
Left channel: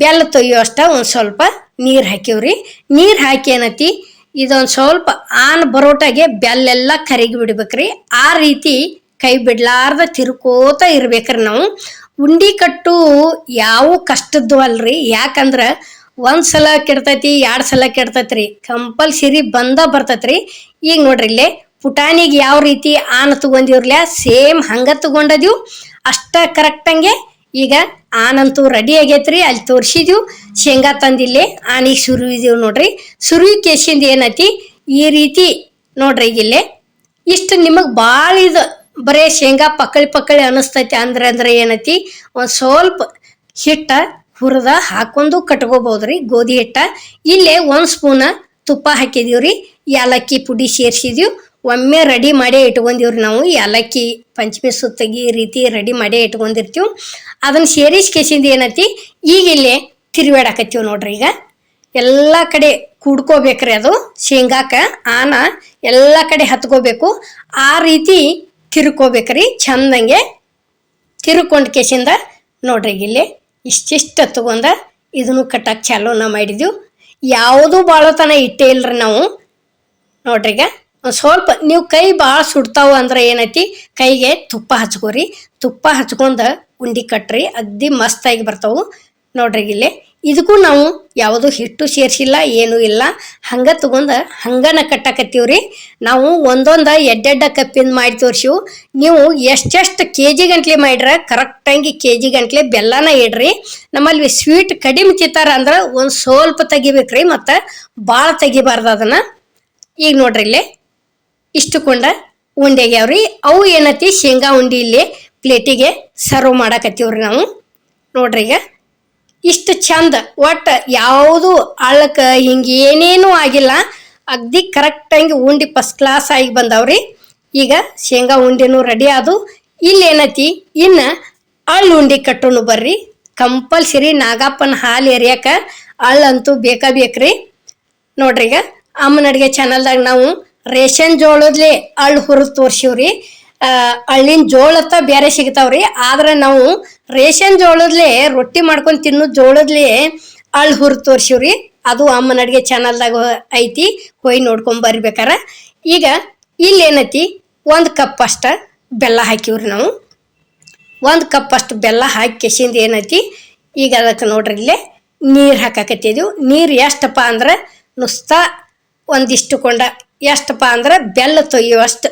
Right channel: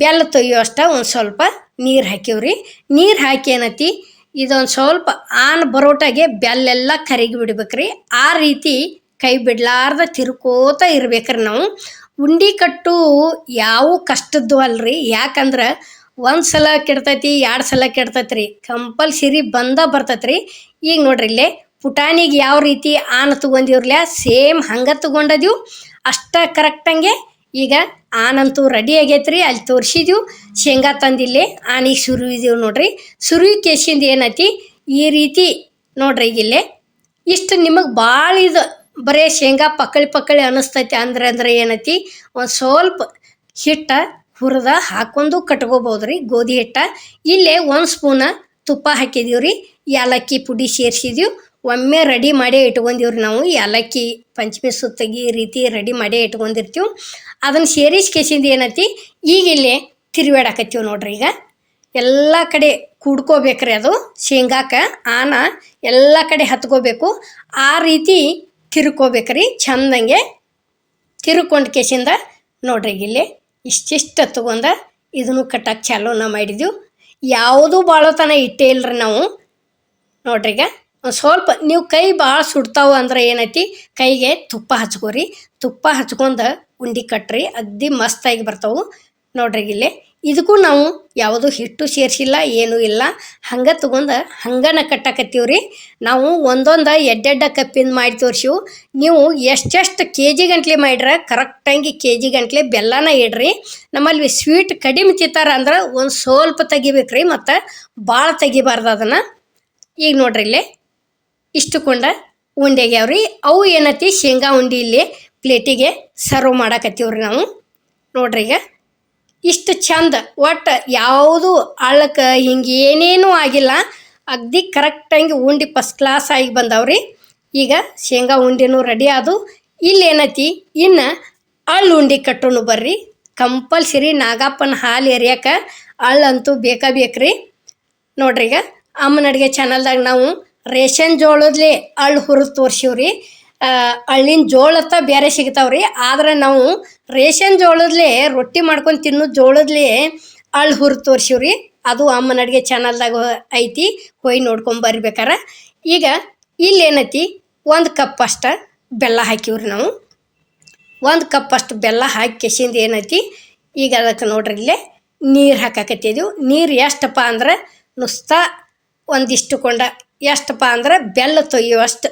ಬೆಲ್ಲ ತೊಯ್ಯೋ ಅಷ್ಟ ಒಂದು ಸ್ವಲ್ಪ ನೀರು ಹಾಕಿವ್ರಿ. ನೀರು ಹಾಕಿ ಏನೈತಿ ಇದೊಂದು ಸ್ವಲ್ಪ ಆನ್ ಬರೋಟಾಗೆ ಬೆಲ್ಲೆಲ್ಲ ಕರಗಿ ಬಿಡ್ಬೇಕ್ರಿ. ಆ ರೀತಿ ಕೈ ಬಿಡ್ಲಾರ್ದ ತಿರ್ಕೋತ ಇರ್ಬೇಕ್ರಿ ನಾವು. ಉಂಡಿ ಕಟ್ಟು ಯಾವ ಕಷ್ಟದ್ದು ಅಲ್ರಿ. ಯಾಕಂದ್ರೆ 1 ಸಲ ಕೆಡ್ತೈತಿ, 2 ಸಲ ಕೆಡ್ತೈತ್ರಿ, ಕಂಪಲ್ಸರಿ ಬರ್ತೈತ್ರಿ. ಈಗ ನೋಡ್ರಿ ಇಲ್ಲೇ ಪುಟಾಣಿಗೆ ಯಾವ ರೀತಿ ಆನ್ ತಗೊಂಡಿವ್ರಲ್ಲ ಸೇಮ್ ಹಂಗೆ ತಗೊಂಡದೀವು ಅಷ್ಟ ಕರೆಕ್ಟಂಗೆ. ಈಗ ಆನಂತೂ ರೆಡಿ ಆಗೈತ್ರಿ. ಅಲ್ಲಿ ತೋರಿಸಿದೀವಿ ಶೇಂಗಾ ತಂದಿಲ್ಲೇ ಆನಿಗೆ ಸುರುವಿದೀವಿ ನೋಡ್ರಿ. ಸುರುವಿ ಕೇಸಿಂದ ಏನೈತಿ ಈ ರೀತಿ ನೋಡ್ರಿ. ಈಗಿಲ್ಲೇ ಇಷ್ಟು ನಿಮಗೆ ಭಾಳ ಇದು ಬರೇ ಶೇಂಗಾ ಪಕ್ಕಳಿ ಅನ್ನಿಸ್ತೈತಿ ಅಂದ್ರೆ ಏನೈತಿ ಒಂದು ಸ್ವಲ್ಪ ಹಿಟ್ಟ ಹುರಿದ ಹಾಕೊಂಡು ಕಟ್ಕೋಬಹುದ್ರಿ, ಗೋಧಿ ಹಿಟ್ಟ. ಇಲ್ಲೇ 1 ಸ್ಪೂನ್ ತುಪ್ಪ ಹಾಕಿದೀವ್ರಿ. ಏಲಕ್ಕಿ ಪುಡಿ ಸೇರಿಸಿದೀವಿ. ಒಮ್ಮೆ ರೆಡಿ ಮಾಡೇ ಇಟ್ಕೊಂಡಿವ್ರಿ ನಾವು. ಏಲಕ್ಕಿ ಪಂಚಮಿ ಸುತ್ತಗಿ ಈ ರೀತಿ ರೆಡಿ ಮಾಡೇ ಇಟ್ಕೊಂಡಿರ್ತೀವಿ. ಅದನ್ನು ಸೇರಿಸ್ಕೇಸಿಂದ ಏನೈತಿ ಈಗ ಇಲ್ಲೇ ತಿರುವಾಡಕತ್ತೀವಿ ನೋಡ್ರಿ. ಈಗ ಎಲ್ಲ ಕಡೆ ಕೂಡ್ಕೋಬೇಕ್ರಿ. ಅದು ಶೇಂಗಾಕ ಆನ ಎಲ್ಲ ಕಡೆ ಹತ್ಕೋಬೇಕು. ಆ ರೀತಿ ತಿರ್ಕೋಬೇಕ್ರಿ ಚಂದಂಗೆ. ತಿರ್ಕೊಂಡು ಕೇಸಿಂದ ನೋಡ್ರಿ ಇಲ್ಲಿ ಇಷ್ಟಿಷ್ಟ ತಗೊಂಡ ಇದನ್ನು ಕಟ್ಟಕ್ಕೆ ಚಾಲೂನ ಮಾಡಿದೀವಿ. ಯಾವುದೂ ಭಾಳತನ ಇಟ್ಟೇ ಇಲ್ರಿ ನಾವು. ನೋಡ್ರಿ ಈಗ ಒಂದು ಸ್ವಲ್ಪ ನೀವು ಕೈ ಭಾಳ ಸುಡ್ತಾವ ಅಂದ್ರೆ ಏನೈತಿ ಕೈಗೆ ತುಪ್ಪ ಹಚ್ಕೋರಿ. ತುಪ್ಪ ಹಚ್ಕೊಂಡು ಉಂಡಿ ಕಟ್ರಿ, ಅಗ್ದಿ ಮಸ್ತಾಗಿ ಬರ್ತಾವು ನೋಡ್ರಿ. ಇಲ್ಲೇ ಇದಕ್ಕೂ ನಾವು ಯಾವುದು ಹಿಟ್ಟು ಸೇರಿಸಿಲ್ಲ, ಏನೂ ಇಲ್ಲ. ಹಂಗೆ ತಗೊಂಡು ಹಂಗನ ಕಟ್ಟಾಕತ್ತೀವ್ರಿ ನಾವು. ಒಂದೊಂದು ಎಡ್ಡೆಡ್ಡ ಕಪ್ಪಿಂದ ಮಾಡಿ ತೋರಿಸಿವು. ನೀವು ಎಷ್ಟೆಷ್ಟು KG ಗಂಟ್ಲೆ ಮಾಡ್ರ ಕರೆಕ್ಟಾಗಿ KG ಗಂಟ್ಲೆ ಬೆಲ್ಲನ ಇಡ್ರಿ. ನಮ್ಮಲ್ಲಿ ಸ್ವೀಟ್ ಕಡಿಮೆ ತಿಂತಾರ ಅಂದ್ರೆ ಒಂದು ಸ್ವಲ್ಪ ತೆಗಿಬೇಕ್ರಿ, ಮತ್ತು ಭಾಳ ತೆಗಿಬಾರ್ದು ಅದನ್ನು. ಈಗ ನೋಡ್ರಿ ಇಲ್ಲೇ ಇಷ್ಟುಕೊಂಡ ಉಂಡೆಗ್ಯಾವ್ರಿ. ಅವು ಏನೈತಿ ಶೇಂಗಾ ಉಂಡಿ ಇಲ್ಲಿ ಪ್ಲೇಟಿಗೆ ಸರ್ವ್ ಮಾಡಾಕತ್ತೀವ್ರಿ ನಾವು. ನೋಡ್ರಿ ಈಗ ಇಷ್ಟು ಚಂದ, ಒಟ್ಟು ಯಾವುದು ಅಳ್ಳಕ್ಕೆ ಹಿಂಗೆ ಏನೇನೂ ಆಗಿಲ್ಲ. ಅಗ್ದಿ ಕರೆಕ್ಟಾಗಿ ಉಂಡಿ ಫಸ್ಟ್ ಕ್ಲಾಸ್ ಆಗಿ ಬಂದವ್ರಿ. ಈಗ ಶೇಂಗಾ ಉಂಡಿನೂ ರೆಡಿ ಆದು. ಇಲ್ಲಿ ಏನೈತಿ ಇನ್ನು ಅಳ್ಳು ಉಂಡಿ ಕಟ್ಟೋನು ಬರ್ರಿ. ಕಂಪಲ್ಸರಿ ನಾಗಪ್ಪನ ಹಾಲು ಎರಿಯಕ್ಕೆ ಅಳ್ಳಂತೂ ಬೇಕ್ರಿ. ನೋಡ್ರಿ ಈಗ ಅಮ್ಮನ ಅಡುಗೆ ಚಾನಲ್ದಾಗ ನಾವು ರೇಷನ್ ಜೋಳದ್ಲಿ ಅಳ್ಳು ಹುರಿದು ತೋರ್ಸಿವ್ರಿ. ಅಳ್ಳಿನ ಜೋಳತ್ತ ಬೇರೆ ಸಿಗ್ತಾವ್ರಿ, ಆದ್ರೆ ನಾವು ರೇಷನ್ ಜೋಳದ್ಲಿ ರೊಟ್ಟಿ ಮಾಡ್ಕೊಂಡು ತಿನ್ನೋ ಜೋಳದ್ಲಿ ಅಳ್ಳು ಹುರಿದು ತೋರ್ಸಿವ್ರಿ. ಅದು ಅಮ್ಮನ ಅಡುಗೆ ಚಾನಲ್ದಾಗ ಐತಿ, ಹೋಗಿ ನೋಡ್ಕೊಂಡ್ ಬರ್ಬೇಕಾರ. ಈಗ ಇಲ್ಲೇನೈತಿ, 1 ಕಪ್ ಅಷ್ಟ ಬೆಲ್ಲ ಹಾಕಿವ್ರಿ. ನಾವು 1 ಕಪ್ ಅಷ್ಟು ಬೆಲ್ಲ ಹಾಕಿ ಕೆಸಿಂದ ಏನೈತಿ, ಈಗ ಅದಕ್ಕೆ ನೋಡ್ರಿ ಇಲ್ಲೇ ನೀರು ಹಾಕಾಕತ್ತಿದ್ವಿ. ನೀರು ಎಷ್ಟಪ್ಪ ಅಂದ್ರೆ ನುಸ್ತಾ ಒಂದಿಷ್ಟು ಕೊಂಡ, ಎಷ್ಟಪ್ಪ ಅಂದ್ರೆ ಬೆಲ್ಲ ತೊಯ್ಯುವಷ್ಟು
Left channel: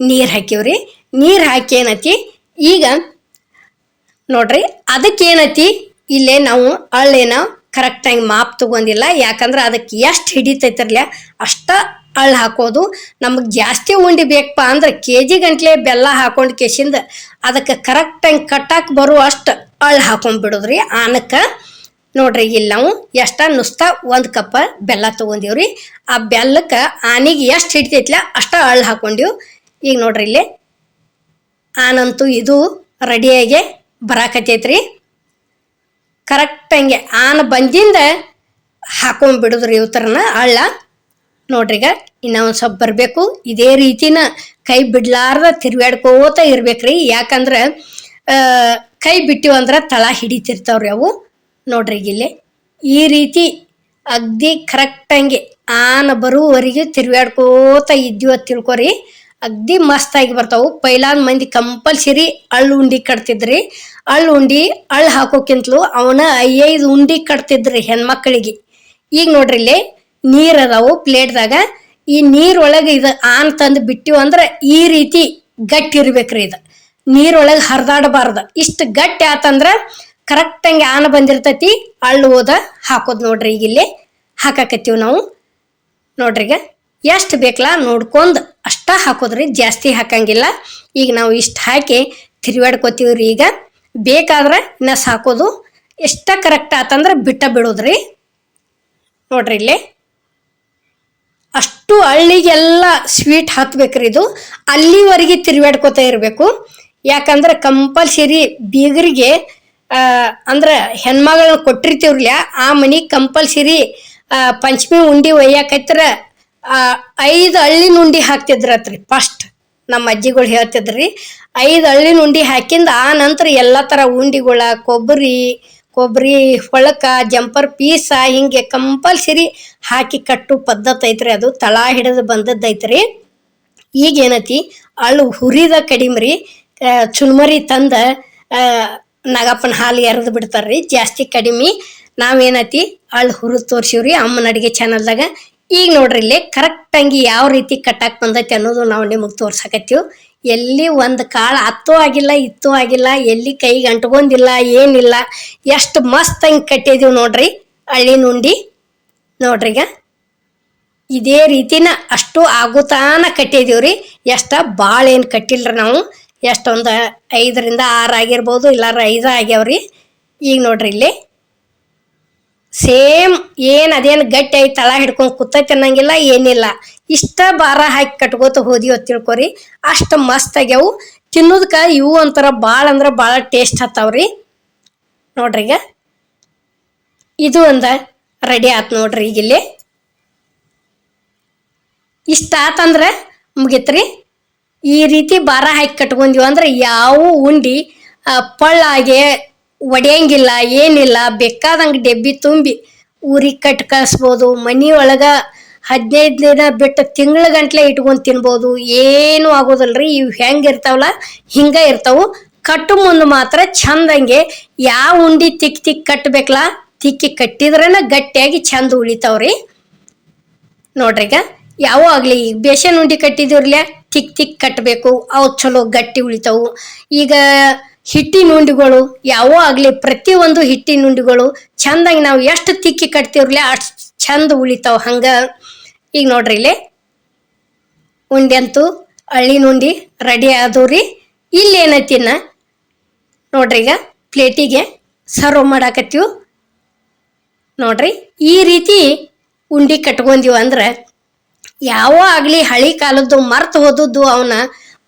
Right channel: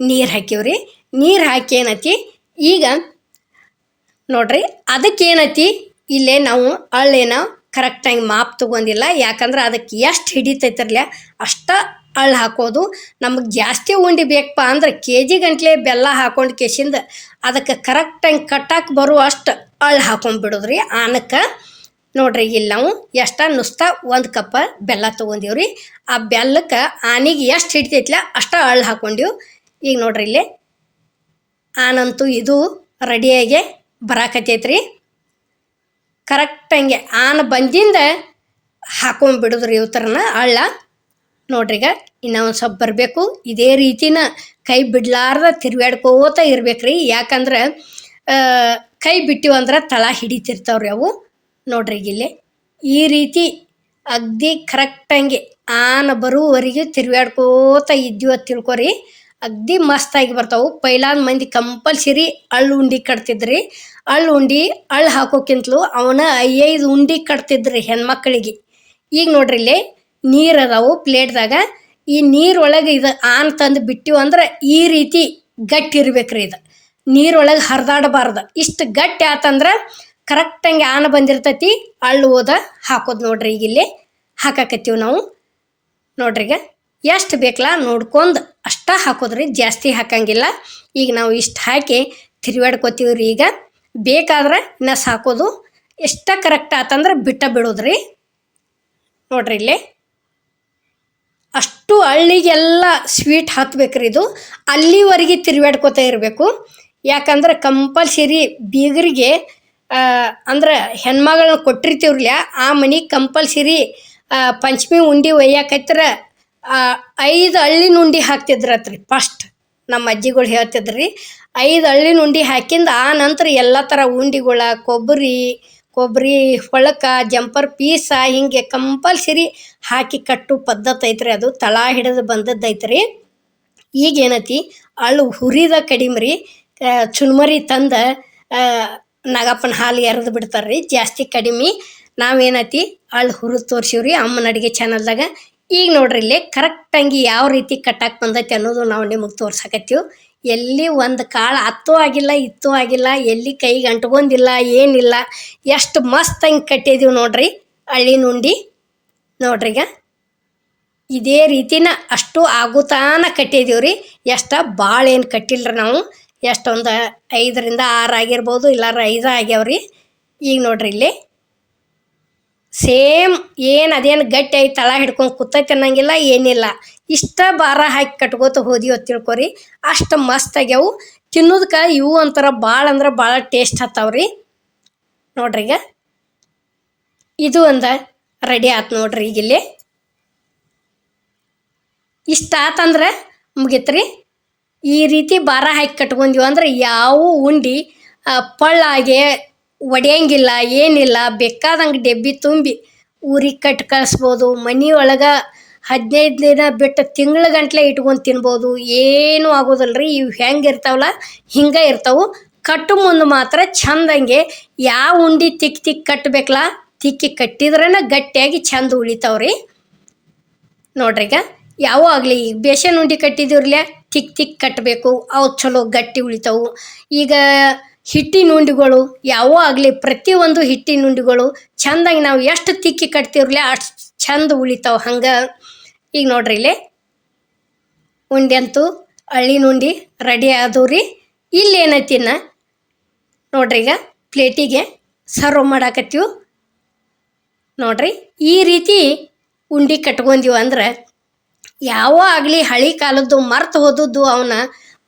ನೀರು ಹಾಕಿವ್ರಿ. ನೀರು ಹಾಕಿ ಏನೈತಿ ಈಗ ನೋಡ್ರಿ, ಅದಕ್ಕೇನೈತಿ ಇಲ್ಲೇ ನಾವು ಅಳ್ಳೇನ ಕರೆಕ್ಟಾಗಿ ಮಾಪ್ ತಗೊಂಡಿಲ್ಲ. ಯಾಕಂದ್ರೆ ಅದಕ್ಕೆ ಎಷ್ಟು ಹಿಡಿತೈತಿರ್ಲ ಅಷ್ಟ ಅಳ್ಳು ಹಾಕೋದು. ನಮಗೆ ಜಾಸ್ತಿ ಉಂಡಿ ಬೇಕಪ್ಪ ಅಂದ್ರೆ KG ಗಂಟ್ಲೆ ಬೆಲ್ಲ ಹಾಕೊಂಡು ಕೆಸಿಂದ ಅದಕ್ಕೆ ಕರೆಕ್ಟಾಗಿ ಕಟ್ಟಾಕ್ ಬರುವಷ್ಟು ಅಳ್ಳು ಹಾಕೊಂಡ್ಬಿಡೋದ್ರಿ. ಆನಕ್ಕೆ ನೋಡ್ರಿ ಇಲ್ಲಿ ನಾವು ನುಸ್ತಾ 1 ಕಪ್ ಬೆಲ್ಲ ತೊಗೊಂಡಿವ್ರಿ. ಆ ಬೆಲ್ಲಕ್ಕೆ ಆನಿಗೆ ಎಷ್ಟು ಹಿಡಿತೈತ್ಲ ಅಷ್ಟ ಅಳ್ಳು ಹಾಕೊಂಡಿವ್. ಈಗ ನೋಡ್ರಿ ಇಲ್ಲಿ ಆನಂತೂ ಇದು ರೆಡಿಯಾಗಿ ಬರಾಕತ್ತೈತ್ರಿ. ಕರೆಕ್ಟಂಗೆ ಆನ ಬಂದಿಂದ ಹಾಕೊಂಡ್ಬಿಡುದ್ರಿ ಇವತ್ತರನ ಅಳ್ಳ. ನೋಡ್ರಿಗ ಇನ್ನೂ ಒಂದು ಸ್ವಲ್ಪ ಬರಬೇಕು. ಇದೇ ರೀತಿನ ಕೈ ಬಿಡ್ಲಾರ್ದ ತಿರ್ವ್ಯಾಡ್ಕೋತ ಇರ್ಬೇಕ್ರಿ. ಯಾಕಂದ್ರೆ ಕೈ ಬಿಟ್ಟಿವಂದ್ರೆ ತಳ ಹಿಡಿತಿರ್ತಾವ್ರಿ ಅವು. ನೋಡ್ರಿ ಇಲ್ಲಿ ಈ ರೀತಿ ಅಗ್ದಿ ಕರೆಕ್ಟಂಗೆ ಆನ ಬರುವವರೆಗೆ ತಿರ್ವ್ಯಾಡ್ಕೋತ ಇದ್ದೀವ ತಿಳ್ಕೊರಿ, ಅಗ್ದಿ ಮಸ್ತಾಗಿ ಬರ್ತಾವು. ಪೈಲಾದ ಮಂದಿ ಕಂಪಲ್ಸರಿ ಅಳ್ಳು ಉಂಡಿ ಕಟ್ತಿದ್ರಿ. ಅಳ್ಳು ಉಂಡಿ ಅಳ್ಳು ಹಾಕೋಕ್ಕಿಂತಲೂ ಅವನ 5 ಉಂಡಿ ಕಟ್ತಿದ್ರಿ ಹೆಣ್ಮಕ್ಳಿಗೆ. ಈಗ ನೋಡ್ರಿ ಇಲ್ಲಿ ನೀರು ಅದಾವು ಪ್ಲೇಟ್ದಾಗ. ಈ ನೀರೊಳಗೆ ಇದು ಆನ್ ತಂದು ಬಿಟ್ಟಿವು ಅಂದ್ರೆ ಈ ರೀತಿ ಗಟ್ಟಿ ಇರ್ಬೇಕ್ರಿ. ಇದು ನೀರೊಳಗೆ ಹರಿದಾಡಬಾರ್ದು. ಇಷ್ಟು ಗಟ್ಟಿ ಆತಂದ್ರೆ ಕರೆಕ್ಟಂಗೆ ಆನ ಬಂದಿರ್ತೈತಿ. ಅಳ್ಳು ಹೋದ ಹಾಕೋದು ನೋಡ್ರಿ. ಈಗ ಇಲ್ಲಿ ಹಾಕಾಕತ್ತೀವಿ ನಾವು. ನೋಡ್ರಿಗ ಎಷ್ಟು ಬೇಕಲ್ಲ ನೋಡ್ಕೊಂಡು ಅಷ್ಟ ಹಾಕೋದ್ರಿ, ಜಾಸ್ತಿ ಹಾಕಂಗಿಲ್ಲ. ಈಗ ನಾವು ಇಷ್ಟು ಹಾಕಿ ತಿರ್ವಾಡ್ಕೋತೀವ್ರಿ. ಈಗ ಬೇಕಾದ್ರೆ ಇನ್ನ ಸಾಕೋದು. ಎಷ್ಟ ಕರೆಕ್ಟ್ ಆತಂದ್ರೆ ಬಿಡೋದ್ರಿ. ನೋಡ್ರಿ ಇಲ್ಲಿ ಅಷ್ಟು ಹಳ್ಳಿಗೆಲ್ಲ ಸ್ವೀಟ್ ಹತ್ಬೇಕ್ರಿ. ಇದು ಅಲ್ಲಿವರೆಗೆ ತಿರ್ವಾಡ್ಕೋತಾ ಇರಬೇಕು. ಯಾಕಂದ್ರೆ ಕಂಪಲ್ಸರಿ ಬೀಗರಿಗೆ ಅಂದ್ರೆ ಹೆಣ್ಮಗಳನ್ನ ಕೊಟ್ಟಿರ್ತೀವ್ರಲ್ಲ, ಆ ಮನೆಗೆ ಕಂಪಲ್ಸರಿ ಪಂಚಮಿ ಉಂಡಿ ಒಯ್ಯಾಕತ್ರ 5 ಹಳ್ಳಿನ ಉಂಡಿ ಹಾಕ್ತಿದ್ರತ್ರಿ. ಫಸ್ಟ್ ನಮ್ಮ ಅಜ್ಜಿಗಳು ಹೇಳ್ತಿದ್ರಿ 5 ಹಳ್ಳಿನ ಉಂಡಿ ಹಾಕಿಂದ ಆ ನಂತರ ಎಲ್ಲ ಥರ ಉಂಡಿಗಳ ಕೊಬ್ಬರಿ ಹೊಳಕ ಜಂಪರ್ ಪೀಸ ಹಿಂಗೆ ಕಂಪಲ್ಸರಿ ಹಾಕಿ ಕಟ್ಟು ಪದ್ಧತಿ ಐತ್ರಿ. ಅದು ತಳ ಹಿಡಿದು ಬಂದದ್ದೈತ್ರಿ. ಈಗ ಏನೈತಿ ಅಳ್ಳು ಹುರಿದ ಕಡಿಮ್ರಿ. ಚುನ್ಮರಿ ತಂದ ನಾಗಪ್ಪನ ಹಾಲು ಎರೆದು ಬಿಡ್ತಾರ್ರಿ, ಜಾಸ್ತಿ ಕಡಿಮೆ. ನಾವೇನೈತಿ ಅಳ್ಳು ಹುರಿದು ತೋರ್ಸಿವ್ರಿ ಅಮ್ಮನ ಅಡುಗೆ ಚಾನಲ್ದಾಗ. ಈಗ ನೋಡ್ರಿ ಇಲ್ಲಿ ಕರೆಕ್ಟಂಗಿ ಯಾವ ರೀತಿ ಕಟ್ಟಾಕ್ ಬಂದೈತಿ ಅನ್ನೋದು ನಾವು ನಿಮಗೆ ತೋರ್ಸಕತ್ತೀವಿ. ಎಲ್ಲಿ ಒಂದು ಕಾಳು ಹತ್ತೂ ಆಗಿಲ್ಲ ಇತ್ತೂ ಆಗಿಲ್ಲ, ಎಲ್ಲಿ ಕೈಗೆ ಅಂಟ್ಕೊಂಡಿಲ್ಲ ಏನಿಲ್ಲ. ಎಷ್ಟು ಮಸ್ತಂಗೆ ಕಟ್ಟಿದೀವಿ ನೋಡ್ರಿ ಹಳ್ಳಿನ ಉಂಡಿ. ನೋಡ್ರಿಗ ಇದೇ ರೀತಿನ ಅಷ್ಟು ಆಗುತ್ತಾನ ಕಟ್ಟಿದೀವ್ರಿ. ಭಾಳ ಏನು ಕಟ್ಟಿಲ್ರಿ ನಾವು. ಎಷ್ಟೊಂದು 5ರಿಂದ 6 ಆಗಿರ್ಬೋದು, ಇಲ್ಲಾರ 5 ಆಗ್ಯಾವ್ರಿ. ಈಗ ನೋಡ್ರಿ ಇಲ್ಲಿ ಸೇಮ್ ಏನು ಅದೇನು ಗಟ್ಟಿ ಆಗಿ ತಳ ಹಿಡ್ಕೊಂಡು ಕೂತೈತೆ ಅನ್ನಂಗಿಲ್ಲ ಏನಿಲ್ಲ. ಇಷ್ಟ ಭಾರ ಹಾಕಿ ಕಟ್ಕೋತ ಹೋದಿವ ತಿಳ್ಕೊರಿ, ಅಷ್ಟು ಮಸ್ತ್ ಆಗ್ಯಾವು. ತಿನ್ನೋದಕ್ಕೆ ಇವು ಒಂಥರ ಭಾಳ ಅಂದ್ರೆ ಭಾಳ ಟೇಸ್ಟ್ ಹತ್ತಾವ್ರಿ. ನೋಡ್ರಿ ಈಗ ಇದು ಒಂದು ರೆಡಿ ಆಯ್ತು ನೋಡ್ರಿ. ಈಗ ಇಲ್ಲಿ ಇಷ್ಟ ಆತಂದ್ರೆ ಮುಗಿತ್ರಿ. ಈ ರೀತಿ ಭಾರ ಹಾಕಿ ಕಟ್ಕೊಂಡಿವ ಅಂದ್ರೆ ಯಾವ ಉಂಡಿ ಪಳ್ಳಾಗೆ ಒಡೆಯಂಗಿಲ್ಲ ಏನಿಲ್ಲ. ಬೇಕಾದಂಗೆ ಡೆಬ್ಬಿ ತುಂಬಿ ಊರಿಗೆ ಕಟ್ಟಿ ಕಳಿಸ್ಬೋದು. ಮನೆ ಒಳಗೆ 15 ದಿನ ಬಿಟ್ಟು ತಿಂಗಳ ಗಂಟ್ಲೆ ಇಟ್ಕೊಂಡು ತಿನ್ಬೋದು, ಏನೂ ಆಗೋದಿಲ್ರಿ. ಇವು ಹೆಂಗೆ ಇರ್ತಾವಲ್ಲ ಹಿಂಗೆ ಇರ್ತಾವು. ಕಟ್ಟು ಮುಂದೆ ಮಾತ್ರ ಚಂದಂಗೆ ಯಾವ ಉಂಡಿ ತಿಕ್ಕಿ ಕಟ್ಟಬೇಕಲ್ಲ ತಿಕ್ಕಿ ಕಟ್ಟಿದ್ರೇನ ಗಟ್ಟಿಯಾಗಿ ಚಂದ ಉಳಿತಾವ್ರಿ. ನೋಡ್ರಿ ಈಗ ಯಾವ ಆಗಲಿ, ಈಗ ಬೇಸನ್ ಉಂಡಿ ಕಟ್ಟಿದಿವ್ರಲ್ಲ ತಿಕ್ಕಿ ಕಟ್ಟಬೇಕು, ಅವು ಚಲೋ ಗಟ್ಟಿ ಉಳಿತಾವು. ಈಗ ಹಿಟ್ಟಿನ ಉಂಡಿಗಳು ಯಾವ ಆಗಲಿ ಪ್ರತಿಯೊಂದು ಹಿಟ್ಟಿನ ಉಂಡಿಗಳು ಚಂದಾಗಿ ನಾವು ಎಷ್ಟು ತಿಕ್ಕಿ ಕಟ್ತೀವ್ರಲ್ಲ ಅಷ್ಟು ಚಂದ ಉಳಿತಾವ. ಹಂಗೆ ಈಗ ನೋಡ್ರಿ ಇಲ್ಲಿ ಉಂಡಿ ಅಂತೂ ಹಳ್ಳಿನ ಉಂಡಿ ರೆಡಿ ಆದವ್ರಿ. ಇಲ್ಲಿ ಏನೈತಿನ ನೋಡ್ರಿ ಈಗ ಪ್ಲೇಟಿಗೆ ಸರ್ವ್ ಮಾಡಾಕತ್ತೀವಿ. ನೋಡ್ರಿ ಈ ರೀತಿ ಉಂಡಿ ಕಟ್ಕೊಂಡಿವ ಅಂದ್ರೆ ಯಾವ ಆಗಲಿ ಹಳಿ ಕಾಲದ್ದು ಮರ್ತು ಹೋದದ್ದು ಅವನ್ನ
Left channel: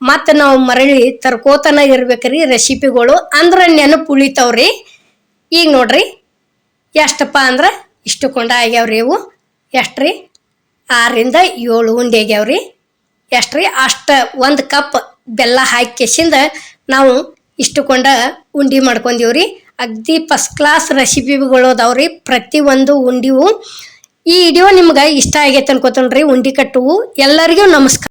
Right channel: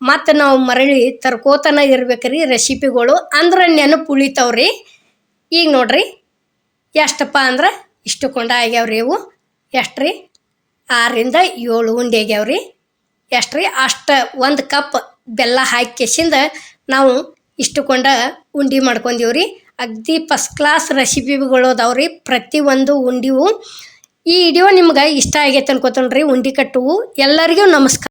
ಮತ್ತು ನಾವು ಮರಳಿ ತರ್ಕೋತನ ಇರ್ಬೇಕ್ರಿ ರೆಸಿಪಿಗಳು, ಅಂದ್ರೆ ನೆನಪು ಉಳಿತಾವ್ರಿ. ಈಗ ನೋಡ್ರಿ ಎಷ್ಟಪ್ಪ ಅಂದ್ರೆ ಇಷ್ಟು ಕೊಂಡ ಆಗ್ಯಾವ್ರಿ ಇವು. ಎಷ್ಟ್ರಿ 6ರಿಂದ 7 ಉಂಡೆ ಆಗ್ಯಾವ್ರಿ. ಎಷ್ಟು ರೀ ಅಷ್ಟು 1 ಕಪ್ ಬೆಲ್ಲ ಹಾಕಿಸಿಂದ ನಾವು ಇಷ್ಟುಕೊಂಡ ಉಂಡೆ ಮಾಡ್ಕೊಂಡೀವ್ರಿ. ಅಗ್ದಿ ಫಸ್ಟ್ ಕ್ಲಾಸ್ ರೆಸಿಪಿಗಳು ಅದಾವ್ರಿ ಪ್ರತಿಯೊಂದು ಉಂಡಿವು. ಈ ವಿಡಿಯೋ ನಿಮ್ಗೆ ಇಷ್ಟ ಆಗೈತೆ ಅನ್ಕೋತೇನ್ರಿ. ಉಂಡೆ ಕಟ್ಟುವು ಎಲ್ಲರಿಗೂ ನಮಸ್ಕಾರ.